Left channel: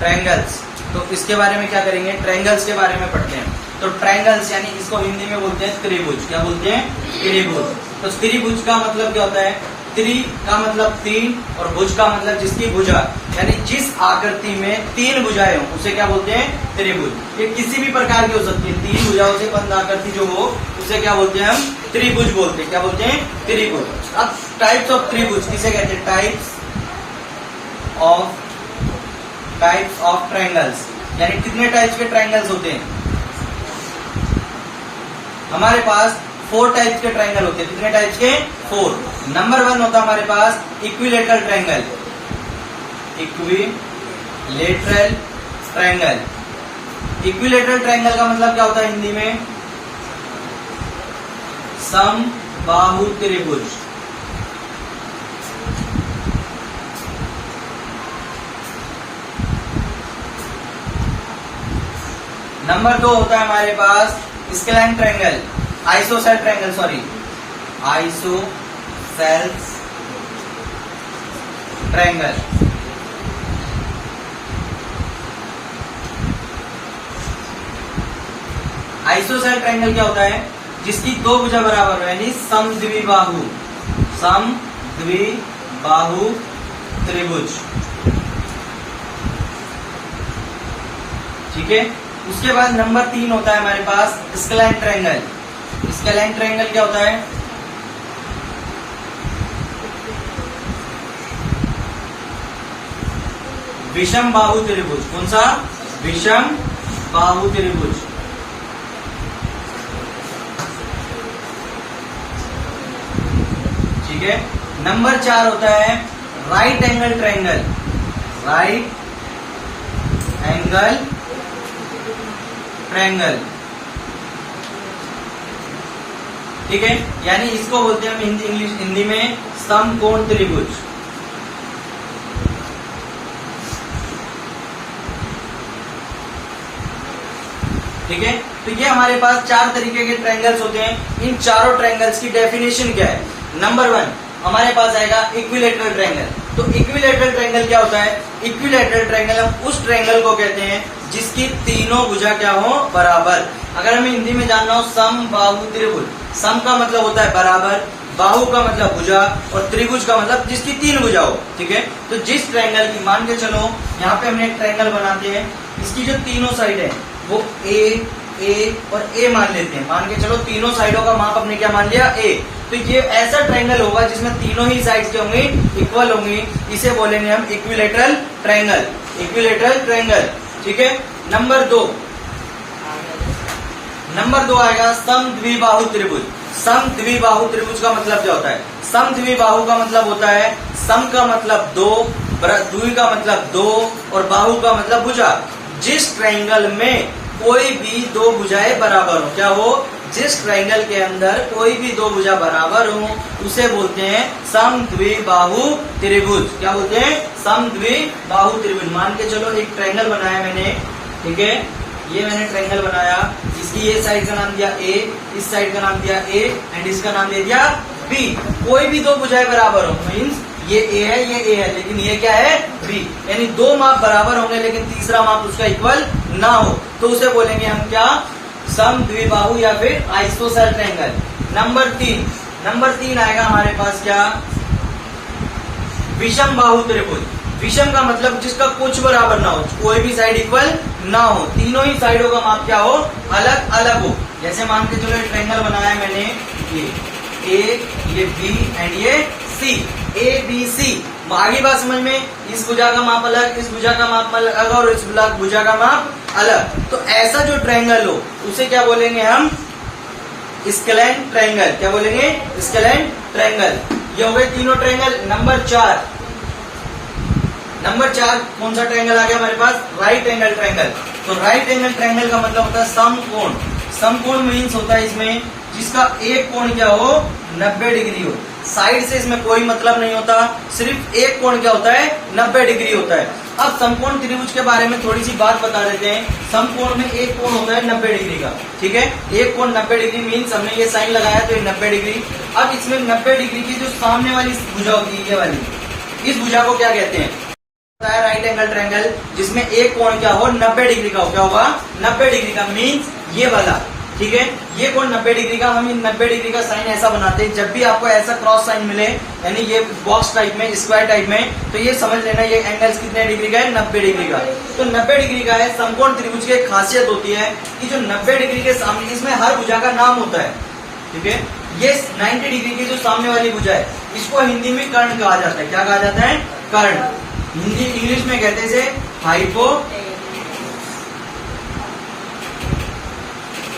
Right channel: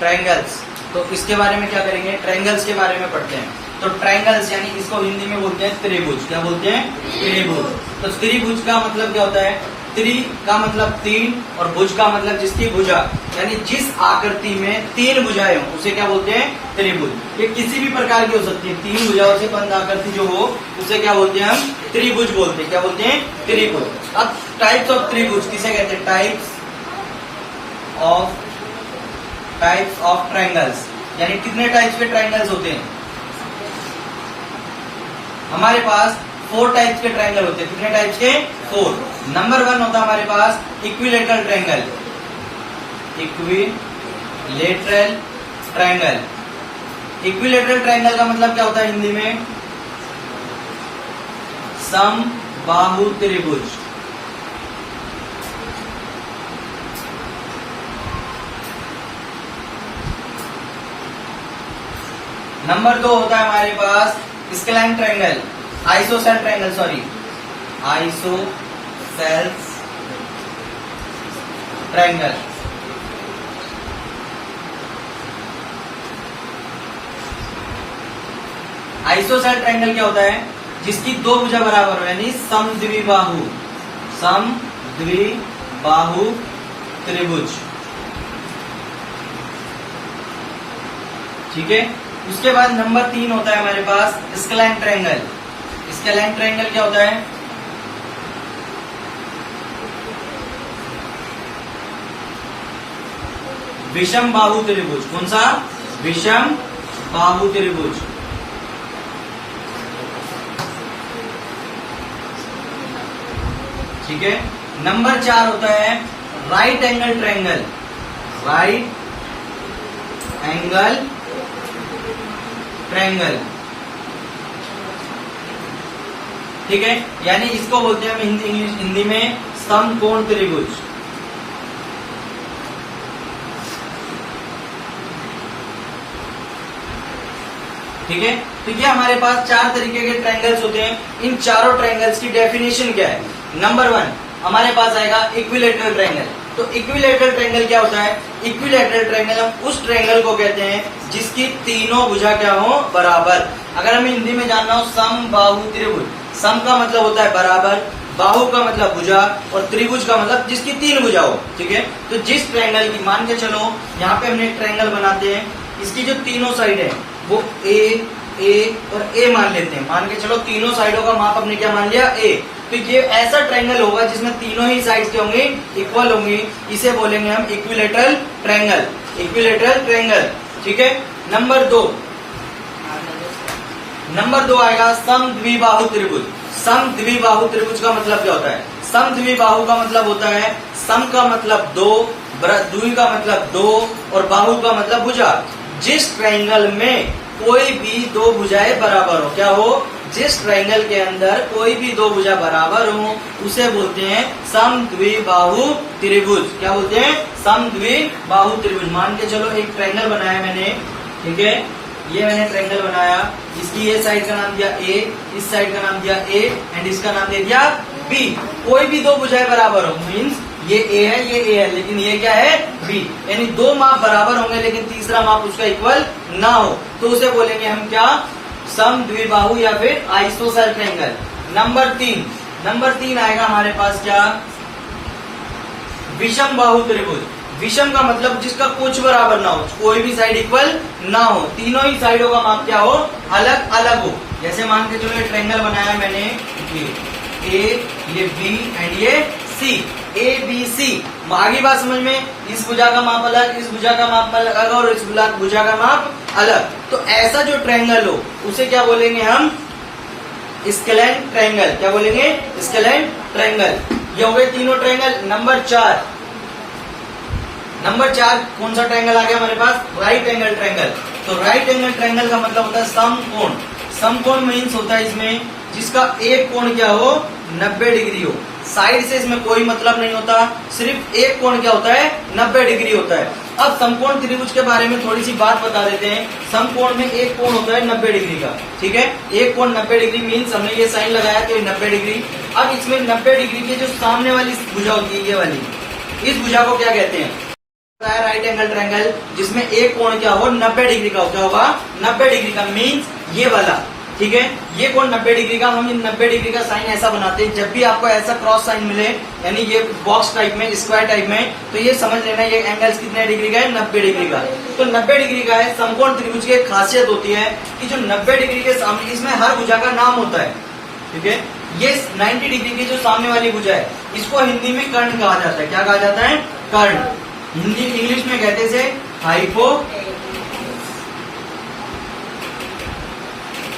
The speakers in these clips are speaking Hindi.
ट्रायंगल्स। तो इसके बारे में क्या करेंगे, ट्रायंगल्स के बारे में पढ़ते हैं। तो ट्रायंगल्स यानी इसको हिंदी में बोलते हैं त्रिभुज। क्या बोलते हैं, त्रिभुज। तो त्रिभुज का मतलब क्या होता है, त्रि का मतलब तीन और भुज का मतलब जिसकी भुजा, यानी जिस आकृति में तीन भुजाएं हो उसे क्या बोलते हैं, त्रिभुज। ये किसी भी प्रकार की हो सकती है, तीन भुजाओं से बंद आकृति जो हो उसे क्या बोलते हैं, हम त्रिभुज बोलते हैं। क्या बोलते हैं, त्रिभुज। अब टाइप्स ऑफ त्रिभुज किसे कहते हैं, टाइप्स ऑफ ट्रायंगल्स, यानी कितने टाइप्स के ट्रायंगल्स होते हैं। हमारे पास 4 टाइप्स के ट्रायंगल होते हैं। कितने टाइप्स के, 4। नंबर 1 होता है हमारे पास equilateral triangle. Equilateral triangle, equilateral triangle का मतलब क्या होता है हिंदी में, समबाहु त्रिभुज। नंबर 2 होता है हमारे पास scalene triangle, isosceles triangle, sorry isosceles triangle. Isosceles triangle क्या होता है, जिसकी 2 भुजा बराबर हो, यानी समद्विबाहु त्रिभुज। ठीक है। उसके बाद नंबर 3 होता है हमारे पास स्केलैन ट्रायंगल। स्केलैन ट्रायंगल क्या होता है, विषम बाहु त्रिभुज। कौन सा, विषम बाहु त्रिभुज। ठीक है। नंबर 4 होता है right angle triangle. Right angle triangle, ठीक है, यानी इसको बोलते हैं हम हिंदी में समकोण त्रिभुज। ठीक है। तो ये हमारे पास 4 तरीके के ट्रायंगल्स होते हैं। इन चारों ट्रायंगल्स की डेफिनेशन क्या है। नंबर 1 हमारे पास आएगा इक्विलेटरल ट्रायंगल। तो इक्विलेटरल ट्रायंगल क्या होता है, इक्विलेटरल ट्रायंगल हम उस ट्रायंगल को कहते हैं जिसकी तीनों भुजा क्या हो, बराबर। अगर हमें हिंदी में जानना हो समबाहु त्रिभुज, सम का मतलब होता है बराबर, बाहु का मतलब भुजा और त्रिभुज का मतलब जिसकी 3 भुजा हो। ठीक है। तो जिस ट्रायंगल की, मान के चलो यहाँ पे हमने एक ट्रायंगल बनाते हैं, इसकी जो तीनों साइड है वो ए और ए मान लेते हैं। मान के चलो तीनों साइडों का माप हमने क्या मान लिया, ए। तो ये ऐसा ट्रायंगल होगा जिसमें तीनों ही साइड्स के होंगे, इक्वल होंगे, इसे बोलेंगे हम इक्विलेटरल ट्रायंगल। Equilateral triangle. ठीक है। नंबर 2 आएगा समद्विबाहु त्रिभुज। समद्विबाहु त्रिभुज का मतलब क्या होता है, समद्विबाहु का मतलब होता है सम का मतलब 2, द्वि का मतलब 2 और बाहु का मतलब भुजा। जिस ट्रायंगल में कोई भी 2 भुजाएं बराबर हो, क्या हो, जिस ट्रायंगल के अंदर कोई भी 2 भुजा बराबर हो उसे बोलते हैं समद्विबाहु त्रिभुज। क्या बोलते हैं, समद्विबाहु त्रिभुज। मान के चलो एक ट्रायंगल बनाया मैंने, ठीक है, ये मैंने ट्रायंगल बनाया, इसकी ये साइड का नाम दिया ए, इस साइड का नाम दिया ए एंड इसका नाम दे दिया बी। कोई भी 2 भुजाएं बराबर हो, मीन्स ये ए है, ये ए है, लेकिन ये क्या है, बी, यानी 2 माप बराबर होंगे लेकिन तीसरा माप उसका इक्वल ना हो, तो उसे बोलेंगे हम क्या, समद्विबाहु या फिर आइसोसेल ट्रायंगल। नंबर 3 आएगा हमारे पास क्या, विषम बाहु त्रिभुज। विषम का मतलब जिसका कुछ बराबर ना हो, कोई भी साइड इक्वल ना हो, तीनों ही साइडों का माप क्या हो, अलग अलग हो। जैसे मान के चलो एक ट्रायंगल बनाया मैंने, ये ए, ये बी एंड ये सी, ए बी सी। आगे बात समझ में, इस भुजा का माप अलग, इस भुजा का माप अलग और इस भुजा का माप अलग। तो ऐसा जो ट्रायंगल हो उसे क्या बोलेंगे हम, स्केलैन ट्रायंगल। क्या बोलेंगे, स्केलैन ट्रायंगल। ये हो गए तीनों ट्रायंगल। नंबर 4 कौन सा ट्रायंगल आ गया हमारे पास, राइट एंगल ट्रायंगल। तो राइट एंगल ट्रायंगल का मतलब होता है समकोण। समकोण मीन्स होता है इसमें जिसका एक कोण क्या हो, 90 डिग्री हो। साइड से इसमें कोई मतलब नहीं होता, सिर्फ एक कोण क्या होता है, 90 डिग्री होता है। अब समकोण त्रिभुज के बारे में थोड़ी सी बात बता देते हैं। समकोण में एक कोण होता है 90 डिग्री का, ठीक है, एक कोण 90 डिग्री मीन्स हमने ये साइन लगाया तो ये 90 डिग्री। अब इसमें 90 डिग्री की जो सामने वाली भुजा होती है, ये वाली, इस भुजा को क्या कहते हैं, राइट एंगल ट्रायंगल जिसमें एक कोण क्या हो 90 डिग्री का हो, क्या होगा 90 डिग्री का, मीन्स ये वाला, ठीक है। ये कोण 90 डिग्री का, हम इन 90 डिग्री का साइन ऐसा बनाते हैं, जब भी आपको ऐसा क्रॉस साइन मिले यानी ये बॉक्स टाइप में, स्क्वायर टाइप में, तो ये समझ लेना ये एंगल कितने डिग्री का है 90 डिग्री का। तो 90 डिग्री का है। समकोण त्रिभुज की एक खासियत होती है कि जो 90 डिग्री के सामने, इसमें हर भुजा का नाम होता है, ठीक है। ये 90 डिग्री की जो सामने वाली भुजा है इसको हिंदी में कर्ण कहा जाता है। क्या कहा जाता है? कर्ण। हिंदी इंग्लिश में कहते हैं इसे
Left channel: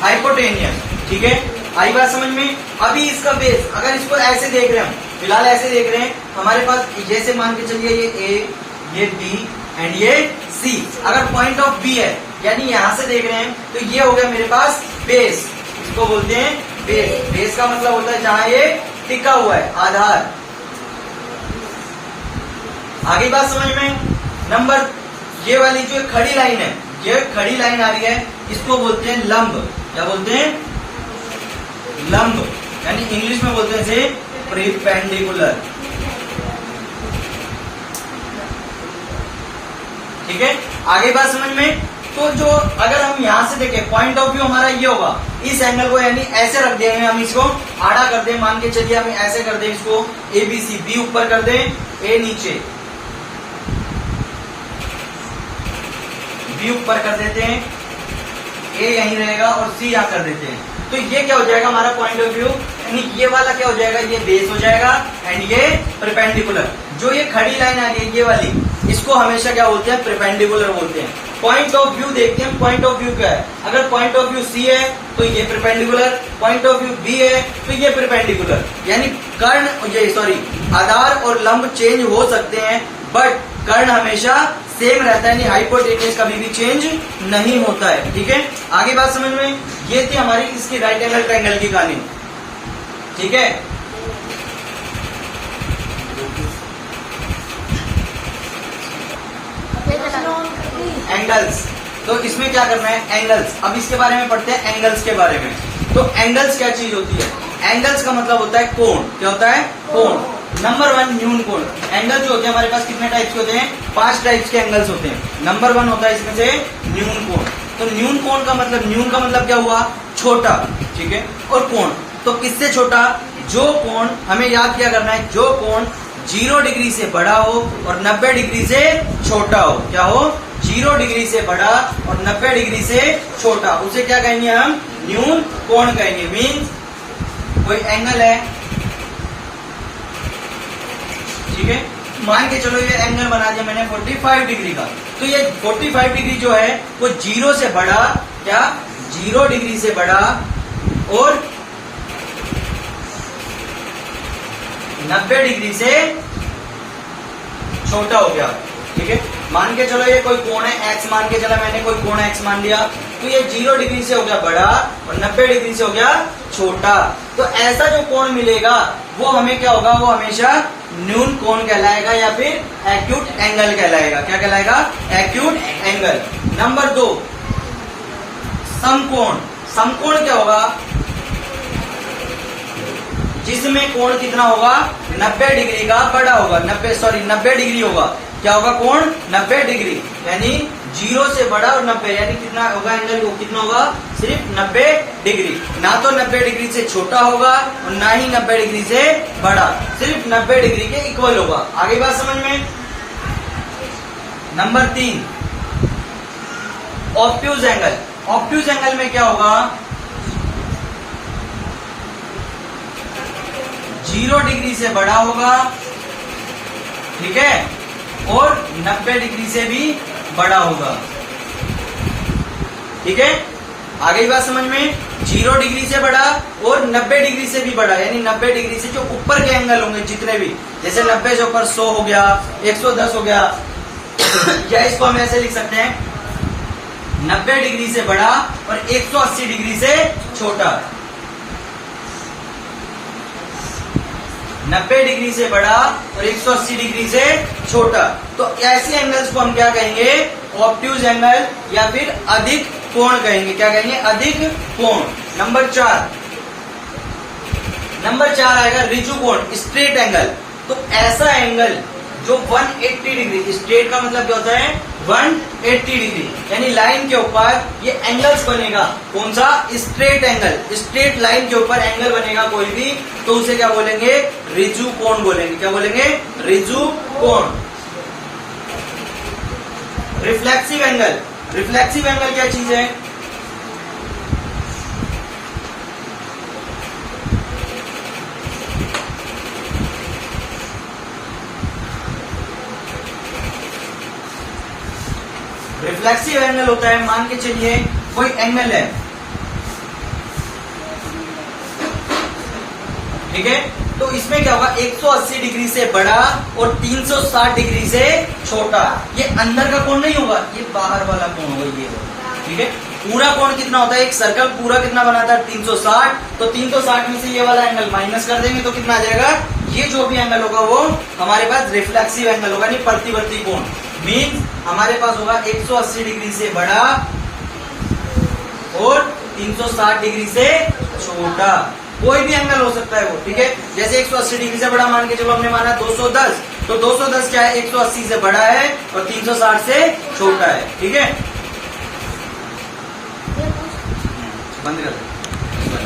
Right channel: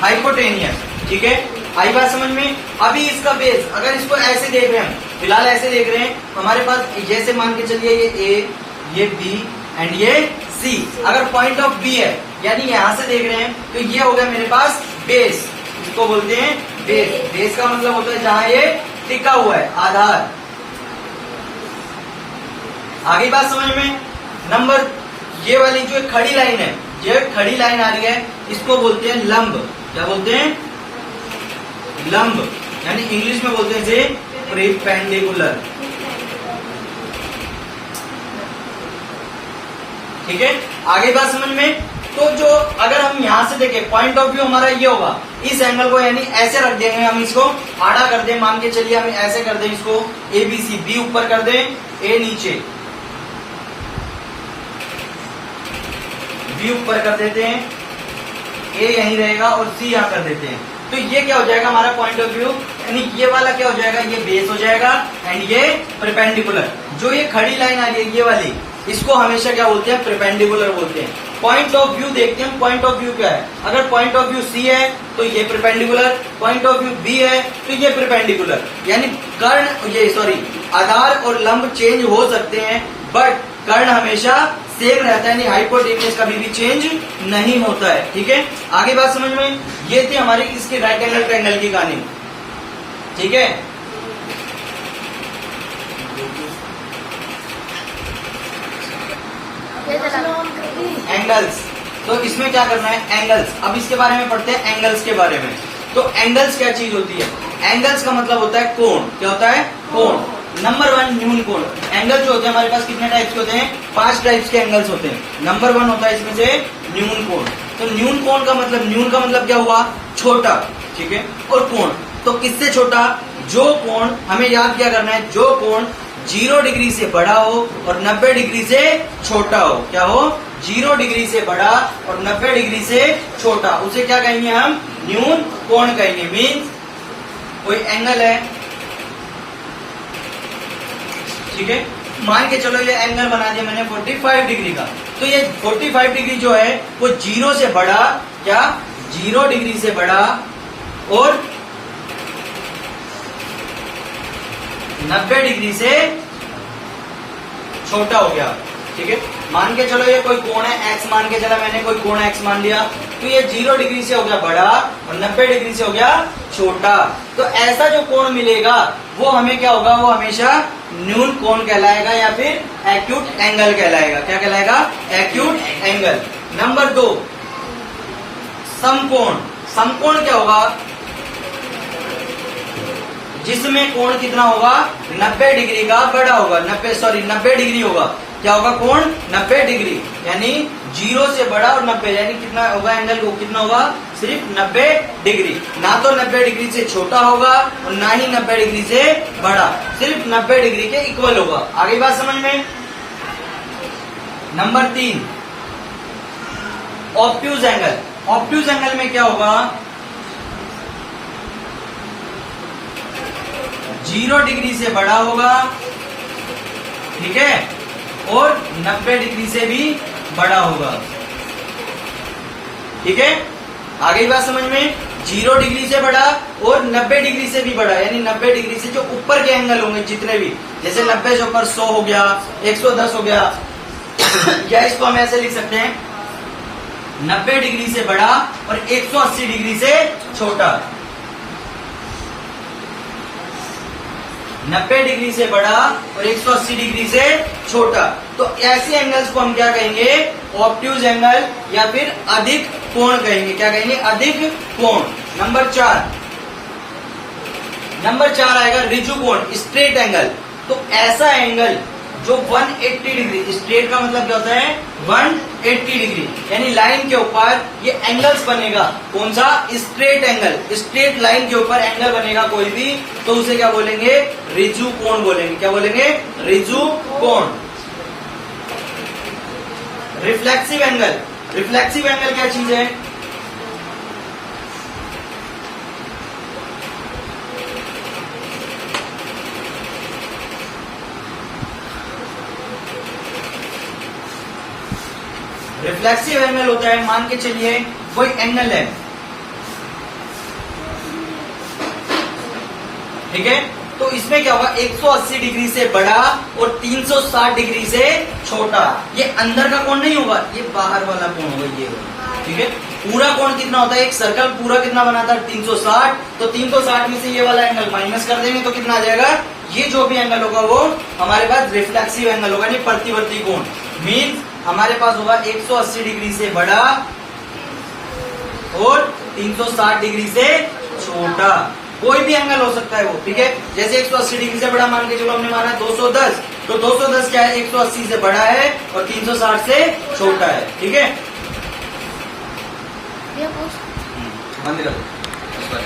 हाइपोटेनियस, ठीक है। आई बात समझ में? अभी इसका बेस, अगर इसको ऐसे देख रहे हैं, फिलहाल ऐसे देख रहे हैं, हमारे पास जैसे मान के चलिए ये ए, ये बी एंड ये सी। अगर पॉइंट ऑफ बी है यानी यहां से देख रहे हैं तो ये हो गया मेरे पास बेस, इसको बोलते हैं बेस। बेस का मतलब होता है जहां ये टिका हुआ है, आधार। आगे बात समझ में? नंबर, ये वाली जो खड़ी लाइन है, ये खड़ी लाइन आ रही है, इसको बोलते हैं लंब। क्या बोलते हैं? लंब, यानी इंग्लिश में बोलते हैं इसे परपेंडिकुलर, ठीक है। आगे बात समझ में? तो जो अगर हम यहां से देखें, पॉइंट ऑफ व्यू हमारा ये होगा, इस एंगल को यानी ऐसे रख देंगे, हम इसको आड़ा कर दें, मान के चलिए हम ऐसे कर दें इसको, ए बी सी, बी ऊपर कर दें, ए नीचे, बी ऊपर कर देते हैं, ए यहीं रहेगा और सी यहां कर देते हैं। तो ये क्या हो जाएगा हमारा पॉइंट ऑफ व्यू, यानी ये वाला क्या हो जाएगा, ये बेस हो जाएगा एंड ये परपेंडिकुलर। जो ये खड़ी लाइन आ रही है ये वाली, इसको हमेशा क्या बोलते हैं? परपेंडिकुलर बोलते हैं। पॉइंट ऑफ व्यू देखते हैं, पॉइंट ऑफ व्यू क्या है। अगर पॉइंट ऑफ व्यू सी है तो ये perpendicular, point of view B है तो ये परपेंडिकुलर। यानी कर्ण, ये सॉरी, आधार और लंब चेंज हो सकते हैं बट कर्ण हमेशा सेम रहता है, यानी हाइपोटेन्यूज कभी भी चेंज नहीं होता है, ठीक है। आगे बात समझ में? ये थी हमारी इसकी राइट एंगल ट्रायंगल की कहानी, ठीक है। एंगल्स, तो इसमें क्या करना है? एंगल्स। अब इसके बारे में पढ़ते हैं, एंगल्स के बारे में। तो एंगल्स क्या चीज होती है? एंगल्स का मतलब होता है कोण। क्या होता है? कोण। नंबर 1 न्यून कोण। एंगल जो होते हैं हमारे पास कितने टाइप्स के होते हैं? 5 टाइप्स के एंगल्स होते हैं। नंबर 1 होता है इसमें से न्यून कोण। तो न्यून कोण का मतलब, न्यून का मतलब क्या हुआ? छोटा, ठीक है। और कोण, तो किससे छोटा? जो कोण, हमें याद क्या करना है, जो कोण 0 डिग्री से बड़ा हो और 90 डिग्री से छोटा हो। क्या हो? 0 डिग्री से बड़ा और 90 डिग्री से छोटा, उसे क्या कहेंगे हम? न्यून कोण कहेंगे। मीन्स कोई एंगल है, ठीक है, मान के चलो ये एंगल बना दिया मैंने 45 डिग्री का, तो ये 45 डिग्री जो है वो 0 से बड़ा, क्या 0 डिग्री से बड़ा और 90 डिग्री से छोटा हो गया, ठीक है। मान के चलो ये कोई कोण है x, मान के चला मैंने कोई कोण x मान लिया, तो ये 0 डिग्री से हो गया बड़ा और 90 डिग्री से हो गया छोटा। तो ऐसा जो कोण मिलेगा वो हमें क्या होगा? वो हमेशा न्यून कोण कहलाएगा या फिर एक्यूट एंगल कहलाएगा। क्या कहलाएगा? Acute angle. नंबर 2 समकोण। समकोण क्या होगा? जिसमें कोण कितना होगा? 90 डिग्री का बड़ा होगा, 90 डिग्री होगा। क्या होगा? कोण 90 डिग्री, यानी 0 से बड़ा और 90, यानी कितना होगा एंगल? वो कितना होगा? सिर्फ 90 डिग्री। ना तो 90 डिग्री से छोटा होगा और ना ही 90 डिग्री से बड़ा, सिर्फ 90 डिग्री के इक्वल होगा। आगे बात समझ में? Number 3 obtuse angle. Obtuse angle में क्या होगा? 0 डिग्री से बड़ा होगा, ठीक है, और 90 डिग्री से भी बड़ा होगा, ठीक है। आगे बात समझ में? 0 डिग्री से बड़ा और 90 डिग्री से भी बड़ा, यानी 90 डिग्री से जो ऊपर के एंगल होंगे जितने भी, जैसे 90 से ऊपर 100 हो गया, 110 हो गया, या इसको हम ऐसे लिख सकते हैं 90 डिग्री से बड़ा और 180 डिग्री से छोटा। 90 डिग्री से बड़ा और 180 डिग्री से छोटा, तो ऐसे एंगल्स को हम क्या कहेंगे? ऑब्ट्यूज एंगल या फिर अधिक कोण कहेंगे। क्या कहेंगे? अधिक कोण। नंबर 4 आएगा ऋजु कोण, स्ट्रेट एंगल। तो ऐसा एंगल जो 180 डिग्री, स्ट्रेट का मतलब क्या होता है 180 डिग्री, यानी लाइन के ऊपर ये एंगल्स बनेगा। कौन सा? Straight angle. स्ट्रेट लाइन के ऊपर एंगल बनेगा कोई भी, तो उसे क्या बोलेंगे? ऋजु कोण बोलेंगे। क्या बोलेंगे? ऋजु कोण। Reflexive angle. रिफ्लेक्सिव एंगल क्या चीज है? रिफ्लेक्सिव एंगल होता है, मान के चलिए कोई एंगल है, ठीक है, तो इसमें क्या होगा? 180 डिग्री से बड़ा और 360 डिग्री से छोटा। ये अंदर का कोण नहीं होगा, ये बाहर वाला कोण होगा, ये होगा, ठीक है। पूरा कोण कितना होता है? एक सर्कल पूरा कितना बनाता है? 360। तो 360 में से ये वाला एंगल माइनस कर देंगे तो कितना आ जाएगा? ये जो भी एंगल होगा वो हमारे पास रिफ्लेक्सिव एंगल होगा, नहीं प्रतिवर्ती कोण। मीन हमारे पास होगा 180 डिग्री से बड़ा और 360 डिग्री से छोटा। कोई भी एंगल हो सकता है वो, ठीक है। जैसे 180 डिग्री से बड़ा मान के चलो हमने माना 210, तो 210 क्या है? 180 से बड़ा है और 360 से छोटा है, ठीक है। बंद कर दो।